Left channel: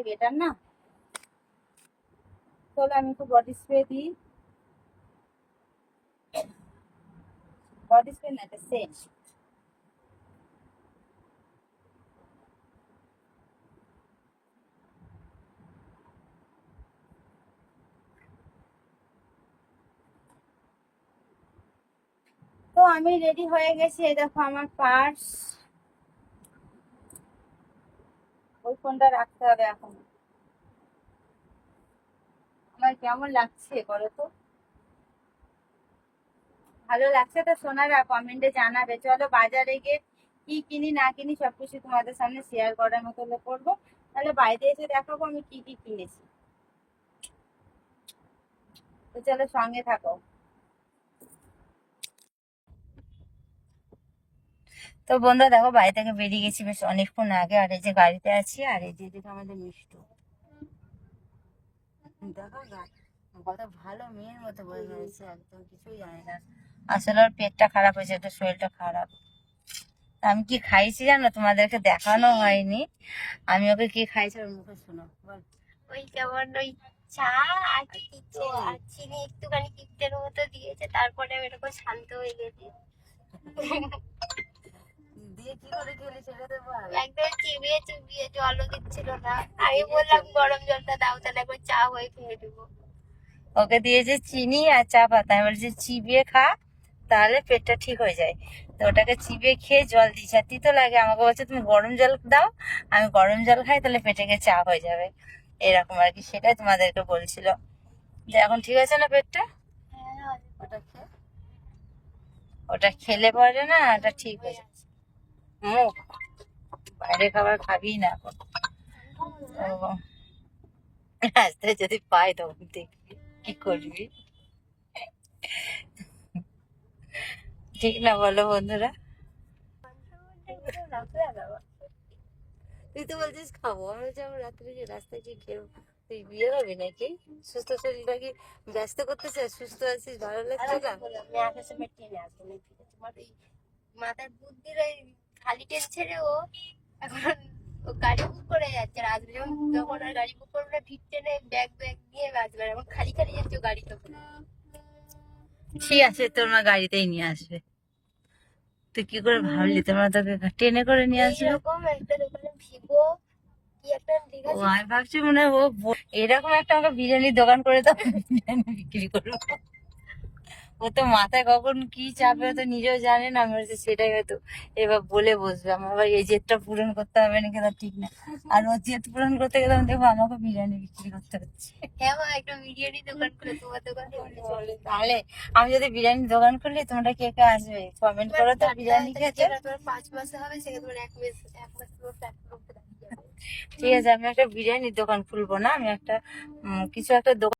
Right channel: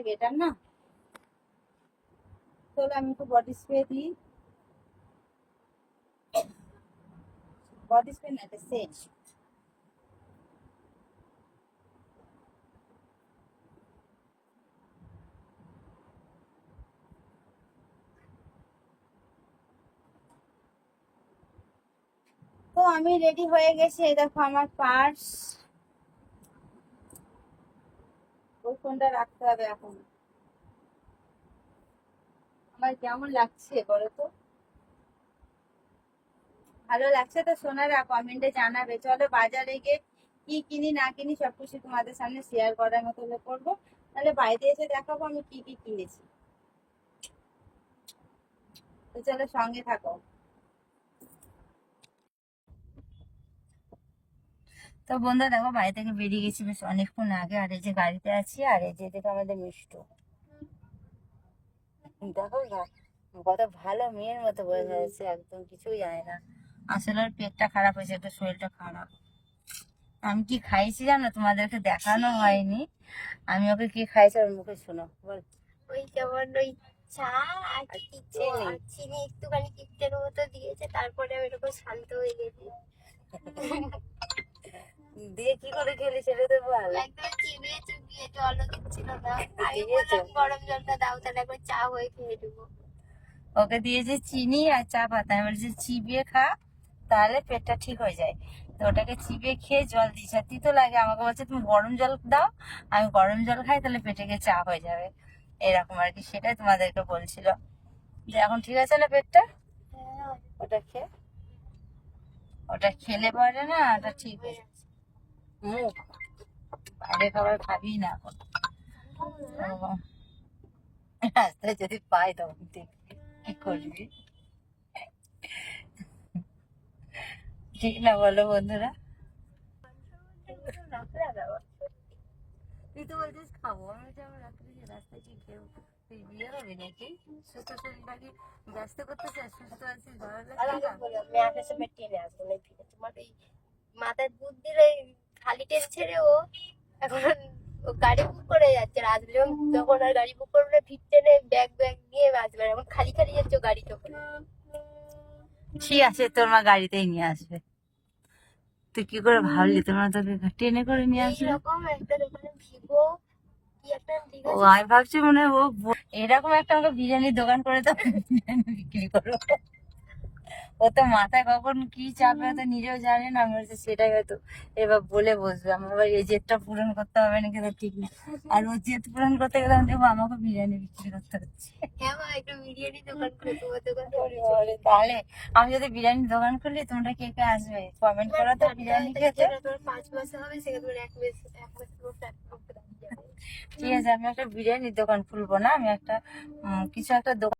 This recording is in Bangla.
করাটাই বেটার না। চলো আমি একটু বডি স্প্রে দিই, বডি স্প্রে না এটা সেন্ট। তো আমি রেডি হয়ে গেছি, এই দেখো আমার পার্স। ওই ফোনটা রাখতে হবে এখন। আমার কেমন লাগছে বলো তো? ভালো লাগছে তো সোনারা? কমেন্টে জানাবে। চলো বাজারে গিয়ে কি কিনি না কিনি সবকিছু তোমাদের সামনে শেয়ার করার মতো হলে করবো। তাহলে বাড়িতে এসে দেখাবো আমি কি কি কিনেছি। তো চলো সঙ্গে থাকো। তো বন্ধুরা দেখো বাড়ি থেকে বেরিয়ে গেছি বেশ অনেকক্ষণ আগে, আর এই যে গাড়িতে আছি, আর এই যে দেখো আমাদের মিষ্টু। দেখো কত ভালো মেয়ের মতো বয়ে হয়েছে, একদম কিছুই জানে না। আসলে ওর পেটটা খারাপ হয়েছে, একটা শরীরটা খারাপ। আমি কি খাইছি জানো, তোমাদেরকে দেখানো হয়নি। আমি ওকে কি খাইছি ওর মুখে শোনো। বল। ওই যেমন ওই চা আর কিছু আর চিনি একটুখানি কিপ্টের মতো দিয়েছে, তারপরে আমি এরকম শান্ত হয়ে গেছি। দিয়ে কি করে খেলি সেটা তো বল। একদম চিবিয়ে চুবিয়ে, জলও দিচ্ছিল না। আমি বললাম গরম জলটা দাও, তাহলে একবার চা হয়ে খেয়ে দেবো। ওকে দিয়েছে চিনি আর চা পাতা, আমি বলছি চিবিয়ে খা তাহলে পেটটা ঠিক হয়ে যায়। তো ওটাকে চিবিয়ে খেয়ে জল দিয়েছে, আর তিতো লাগে। আমাকে বলছে তুমি গরম জল দাও, আমি গরম জল খাই তাহলে পেটে গিয়ে চা হয়ে যাবে। এরকম আর কি, সেটাই তোমাদেরকে বলছিল। যে এখন ঠিক আছে না পেটটা? হ্যাঁ, ওটা খেয়ে, ওটা খেলে পরে না ওটা ঠিক হয়ে যাচ্ছে। মুখ বাইরে খাবার খাবি না এখন। তো রাস্তায় যদি পাই তখন দেখবি কি করবি, ঠিক না বলো বন্ধুরা? তুই তো বলছিস খাবো, আমি বলছি আমার রাত্রে যে রাস্তায় কি খেয়ে তুই বিয়ে হবে নাকি? সুস্থ শরীরটা কি ব্যস্ত করতে চাস? সুস্থ আছিস, ভালো লাগছে না? তোমার এই মাথার বুদ্ধির ওই খালি টেন ছেড়ে ও এখন ও গাড়ি বুক করে যাচ্ছে। রাত যখন আর গাড়ি বুক করবে না, ফিরতে নেই, ব্যাগ ব্যাগ নিয়ে আসবে। এখন খালি খালি যাচ্ছে গাড়ি তখন। ঠিক আছে তোর মা গাড়িতেই নিয়ে আসবে। তুই কি করে ভাবলি তোর মা তোকে ট্রেনে করে নিয়ে আসবে? এইরকম একটা দোকানে ভিভো কি একটা ও আমি ভাবছি মনে হয় ও এরকম একটা আমাকে বিরিয়ানির দোকান করে তো বিরিয়ানি বিক্রি করবো। ও তো মাথায় কখন কি চাপে ও তো নিজেও জানে না। আমি বলছি সেটাই হয়তো এবার বলে বসবে, আমার আবার এই জেদটা পূরণ করতে হবে নাকি তা ঠিক না। আর ও জেদ পূরণ করতে গেলে আমি দেখবো আমাকে বিরিয়ানি বিক্রি করতে হচ্ছে। হ্যাঁ মা, একটা বিরিয়ানি দোকান করে তোমার দোকানে তাহলে আমি যদি বিরিয়ানি দোকান করলি তোমরা কে কে আসবে কমেন্ট করো তো বিরিয়ানি খেতে। তোমার 5 মাসে হবে, সেখানে তোমার 1 মাস তোমার প্ল্যাটফর্ম। ঠিক আছে আমি একটা বিরিয়ানির দোকান খুলবো না, আমি একটা কিছু একটা দোকান